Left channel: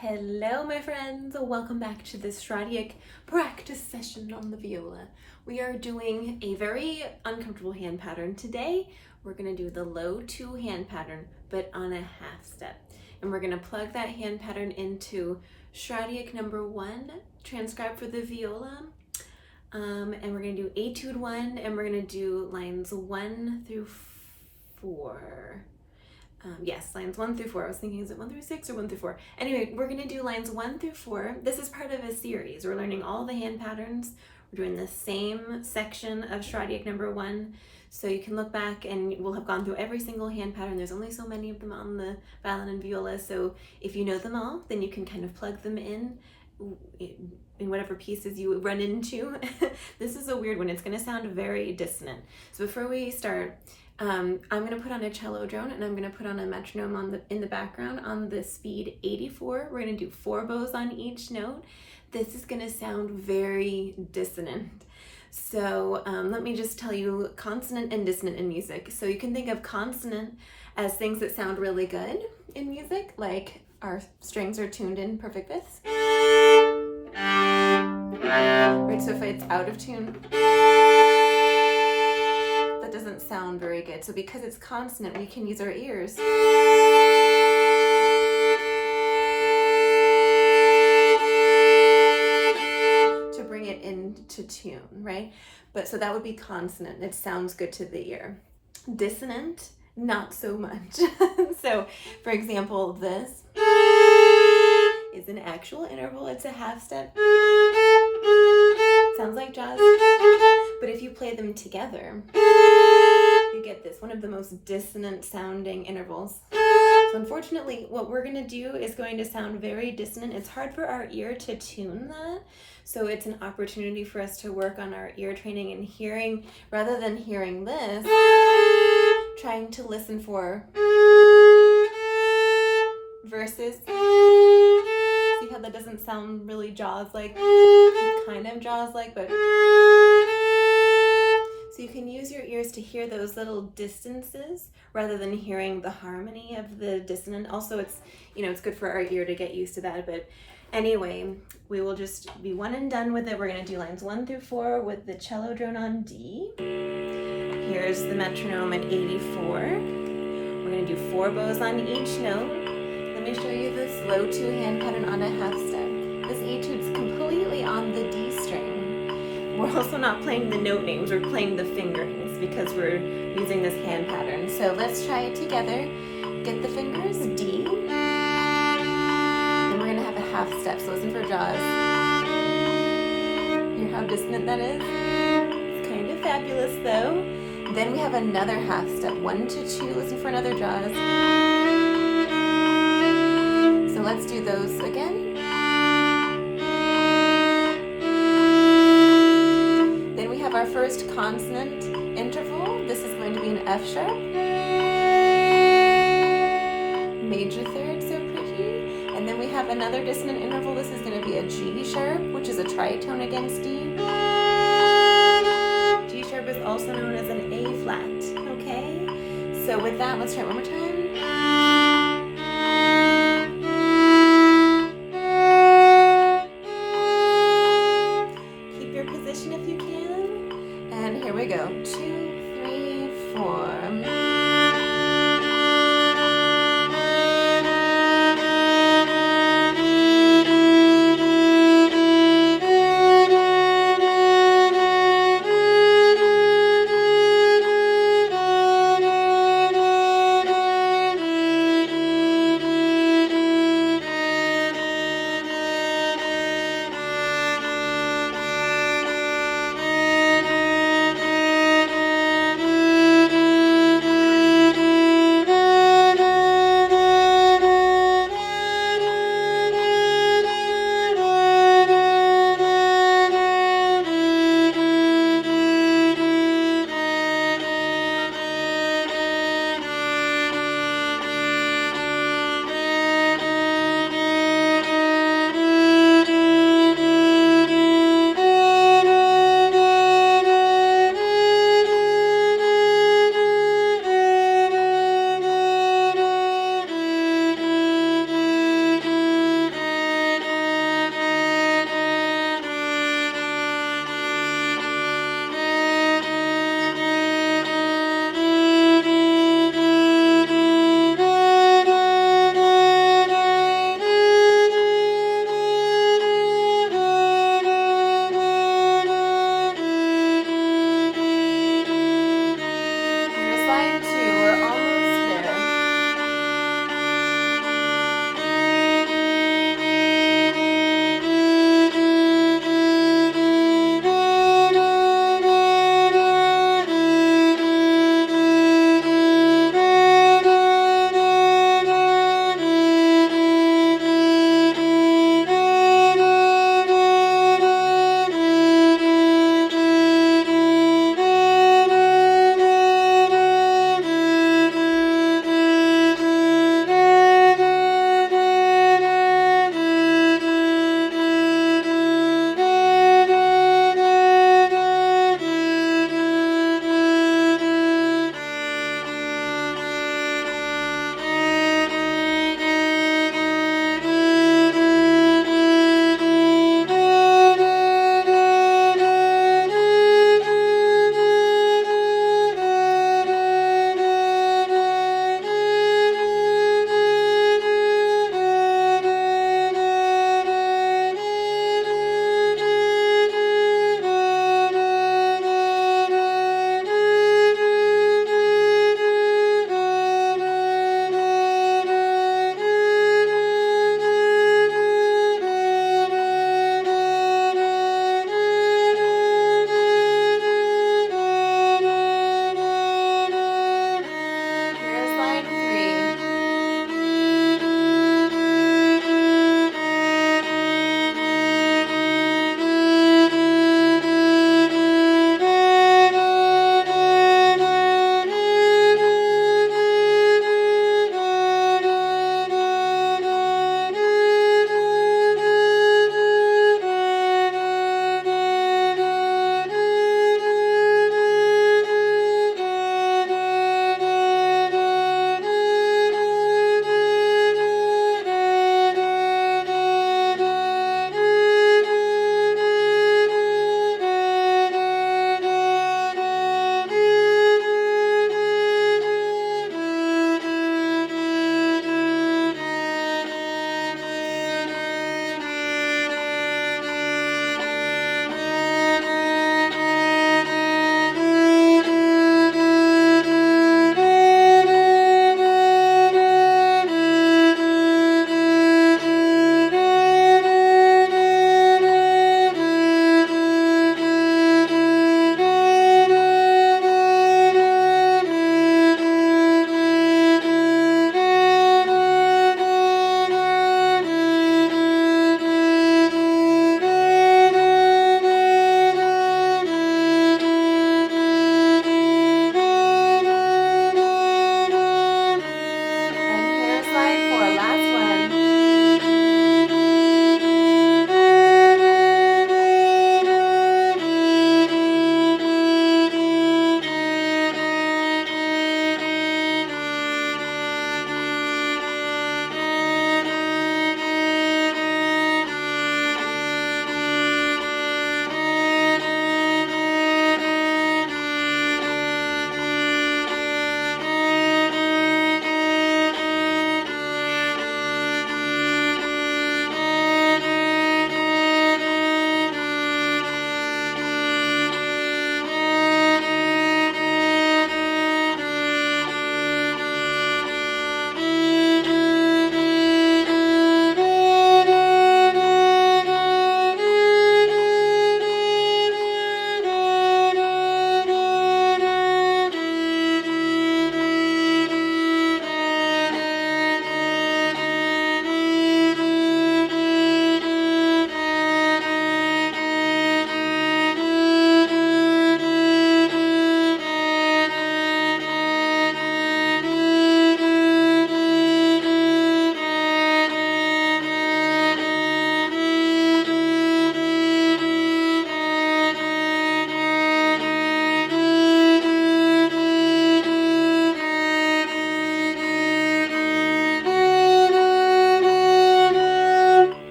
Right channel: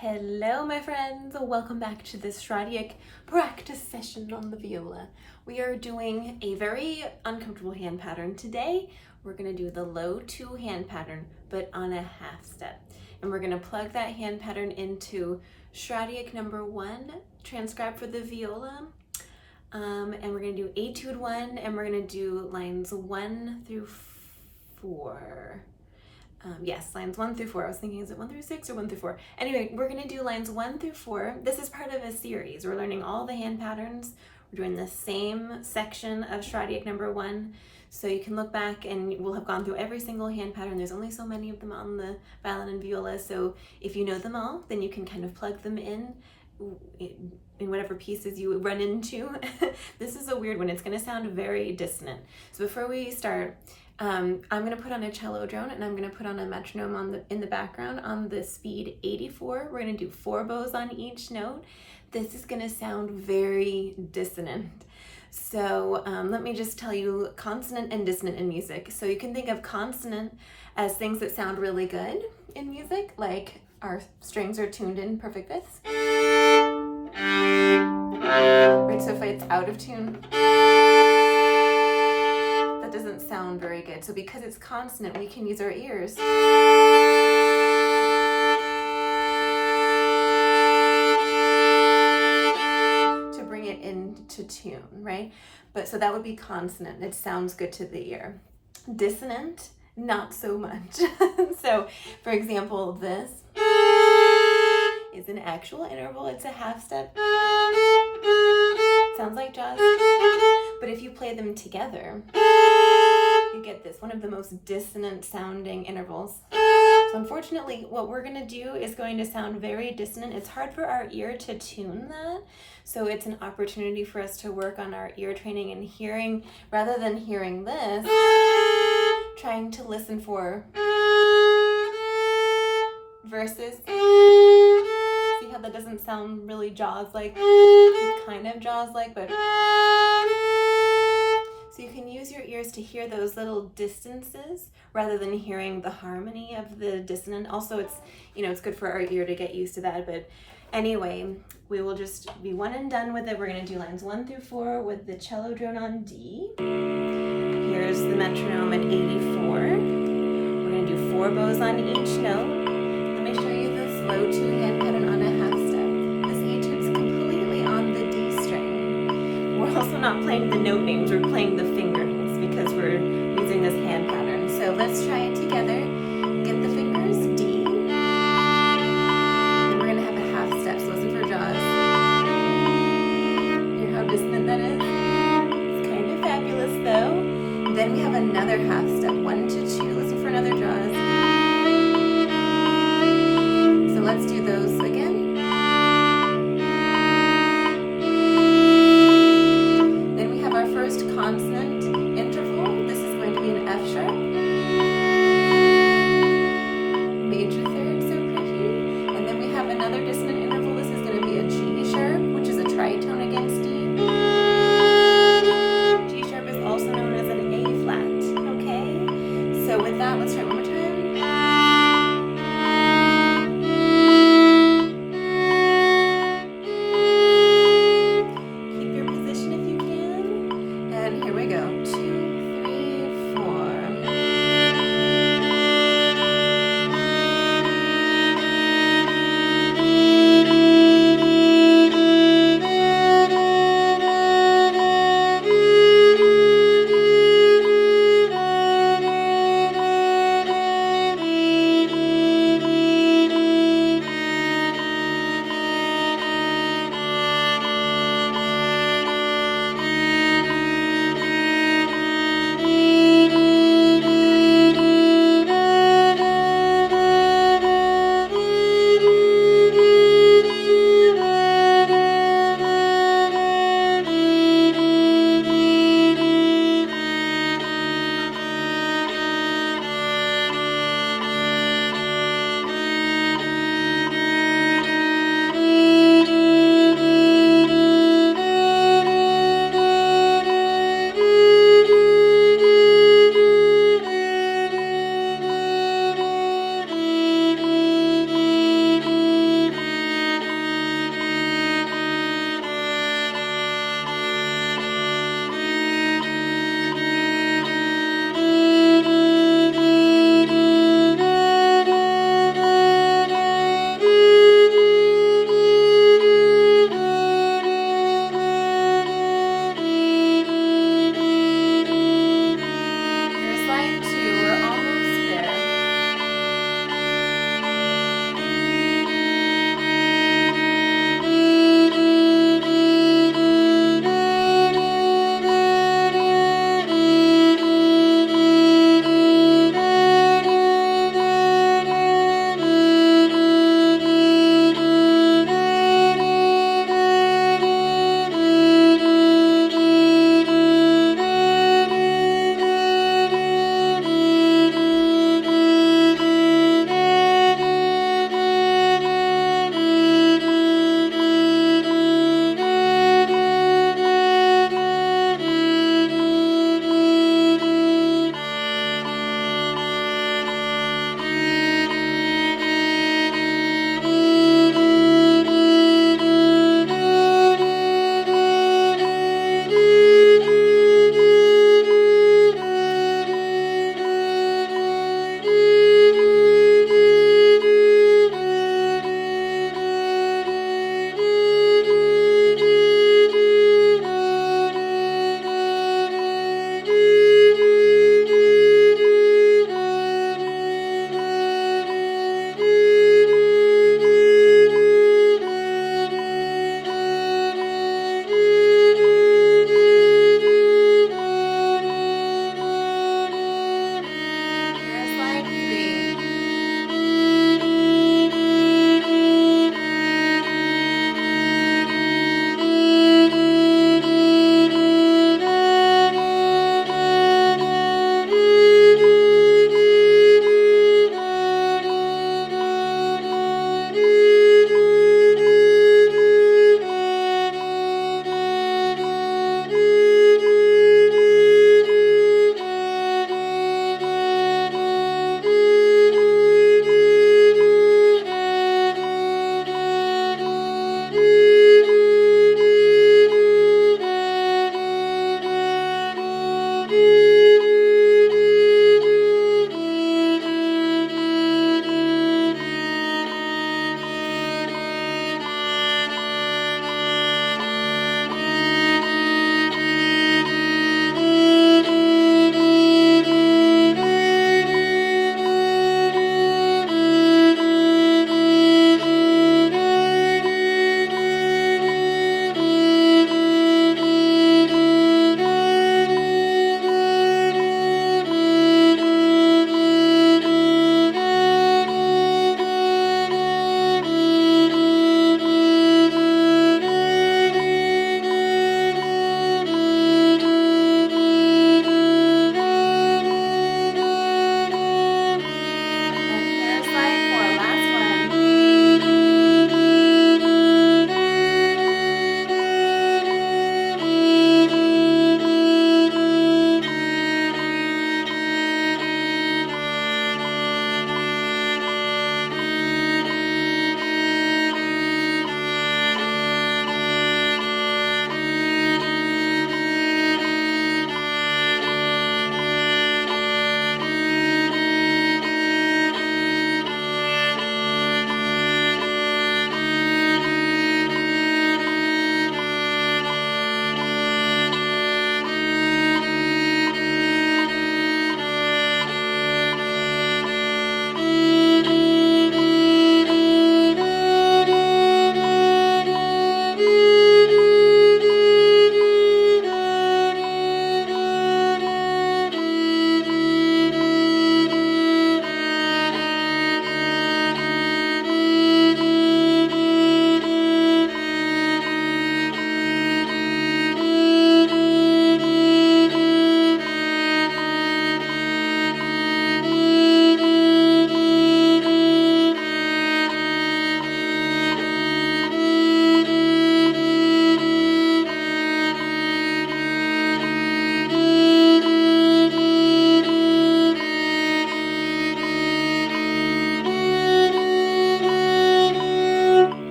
Hello my friends, welcome back to this Schradieck practice session on the viola. We are doing a very uncomfortable hand pattern today. We're going to do the low 2 hand pattern but on a half step. And we're going to plug that hand pattern into Schradieck number 1, transcribed for the viola. And we're going to do Etude 1 and we're going to do lines 1 through 4. Yes, lines 1 through 4. I was thinking, is it 1 through 6 or 1 through 4? Anyway, we're going to do lines 1 through 4. This is part of a series. We're learning all the hand patterns. We're doing the same section of Schradieck number 1. So you can look back and we'll have gone through every single hand pattern. There's only so many of them on the violin and viola. So if you know them all, then you can kind of plug them in whatever pieces you run into. This is a weird one. It's going to sound very dissonant. So before we start, I'm going to put on a cello drone and I'm going to put on a metronome in the background on the speed 84. We're going to do 4 bows on each note. This is going to sound very dissonant. So let me just tell you consonant and dissonant in music. So you can think of consonant as things that sound really good in music, like our strings are tuned in perfect fifths. Right, so if it's out of tune, that doesn't sound very good. So because it's consonant, we can use our ears to bring it into tune, right? But so that would be consonant. It sounds good to the ear. Dissonant, not so much. So for example, this is an actual interval. It's a half step. Sounds like jazz. But if you play them together, you get this, one of the most dissonant sounding intervals. So unfortunately, what we're going to do is going to sound very dissonant. It's hard for our ear to tune that. So it's an opportunity for us to work on our ear training and hearing, rather than hearing this, trying to listen for verses. See how that doesn't sound really jaws-like? It's kind of jaws-like, but... So you can use your ears to hear those little distances rather than hearing the harmony of the dissonant. Also, it's good for our ear to get used to that. But anyway, we will just be one and done with it. We're going to do lines 1 through 4 with the cello drone on D. Here's the metronome at 84. We're going to do 4 bows on each note. Let me show you this low 2 hand pattern on a half step. This etude's completely on the D string. We're also not playing the note names, we're playing the fingerings because we're using this hand pattern. So let's try it together. Get the fingers, D. Then we're going to have a half step, so listen for jaws. Hear how dissonant that is? It's kind of fabulous though. Then we have another half step, 1 to 2, listen for another jaws. So let's do those again. Our first consonant interval. This is going to be an F sharp. Major third, so pretty. And then we have another dissonant interval. This is going to be a G sharp, which is a tritone against D. G sharp is also known as an A flat, okay? So with that, let's try it one more time.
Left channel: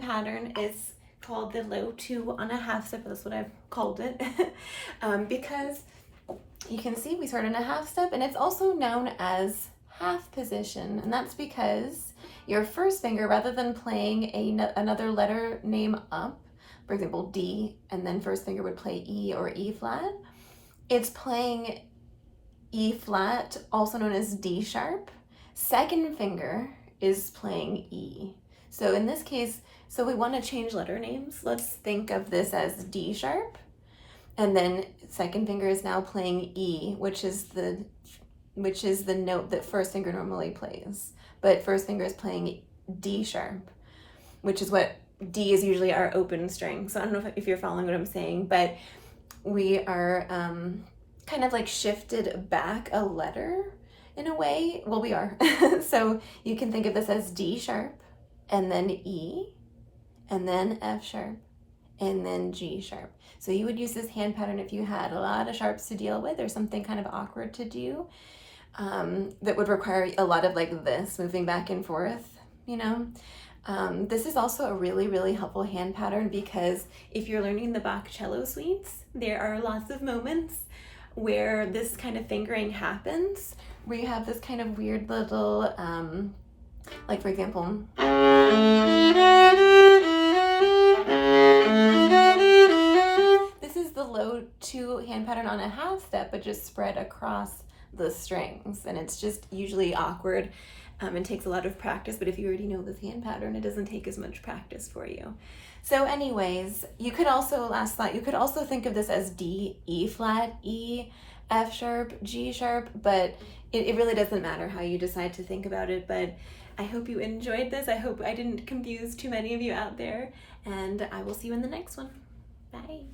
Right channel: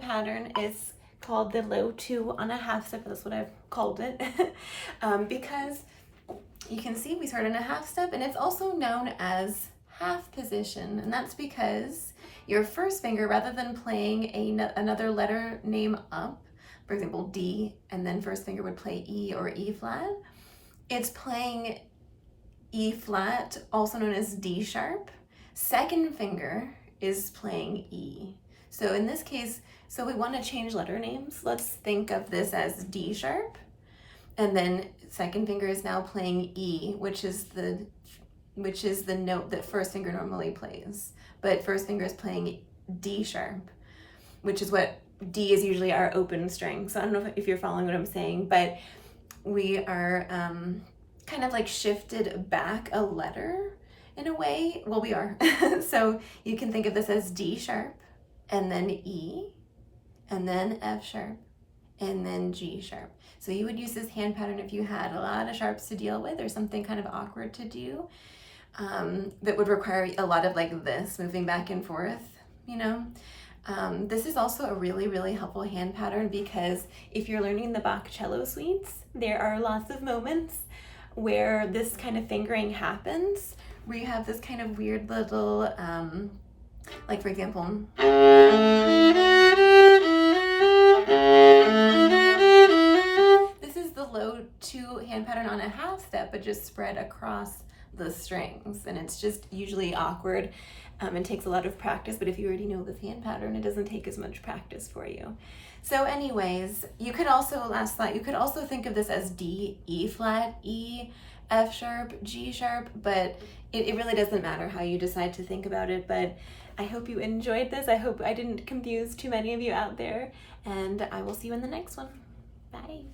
hand pattern is called the low 2 on a half step. That's what I've called it. Because you can see we start in a half step, and it's also known as half position, and that's because your first finger, rather than playing another letter name up, for example D, and then first finger would play E or E flat, it's playing E flat, also known as D sharp. Second finger is playing E. So in this case, so we want to change letter names. Let's think of this as D sharp, and then second finger is now playing E, which is the note that first finger normally plays. But first finger is playing D sharp, which is what D is usually our open string. So I don't know if you're following what I'm saying, but we are kind of like shifted back a letter in a way. Well, we are. So you can think of this as D sharp, and then E, and then F sharp, and then G sharp. So you would use this hand pattern if you had a lot of sharps to deal with or something kind of awkward to do, that would require a lot of like this, moving back and forth, you know. This is also a really, really helpful hand pattern because if you're learning the Bach cello suites, there are lots of moments where this kind of fingering happens, where you have this kind of weird little, like for example, this is the low 2 hand pattern on a half step, but just spread across the strings, and it's just usually awkward and takes a lot of practice. But if you already know this hand pattern, it doesn't take as much practice for you. So anyways, you could also, last thought, you could also think of this as D, E flat, E, F sharp, G sharp, but it really doesn't matter how you decide to think about it. But I hope you enjoyed this. I hope I didn't confuse too many of you out there, and I will see you in the next one. Bye.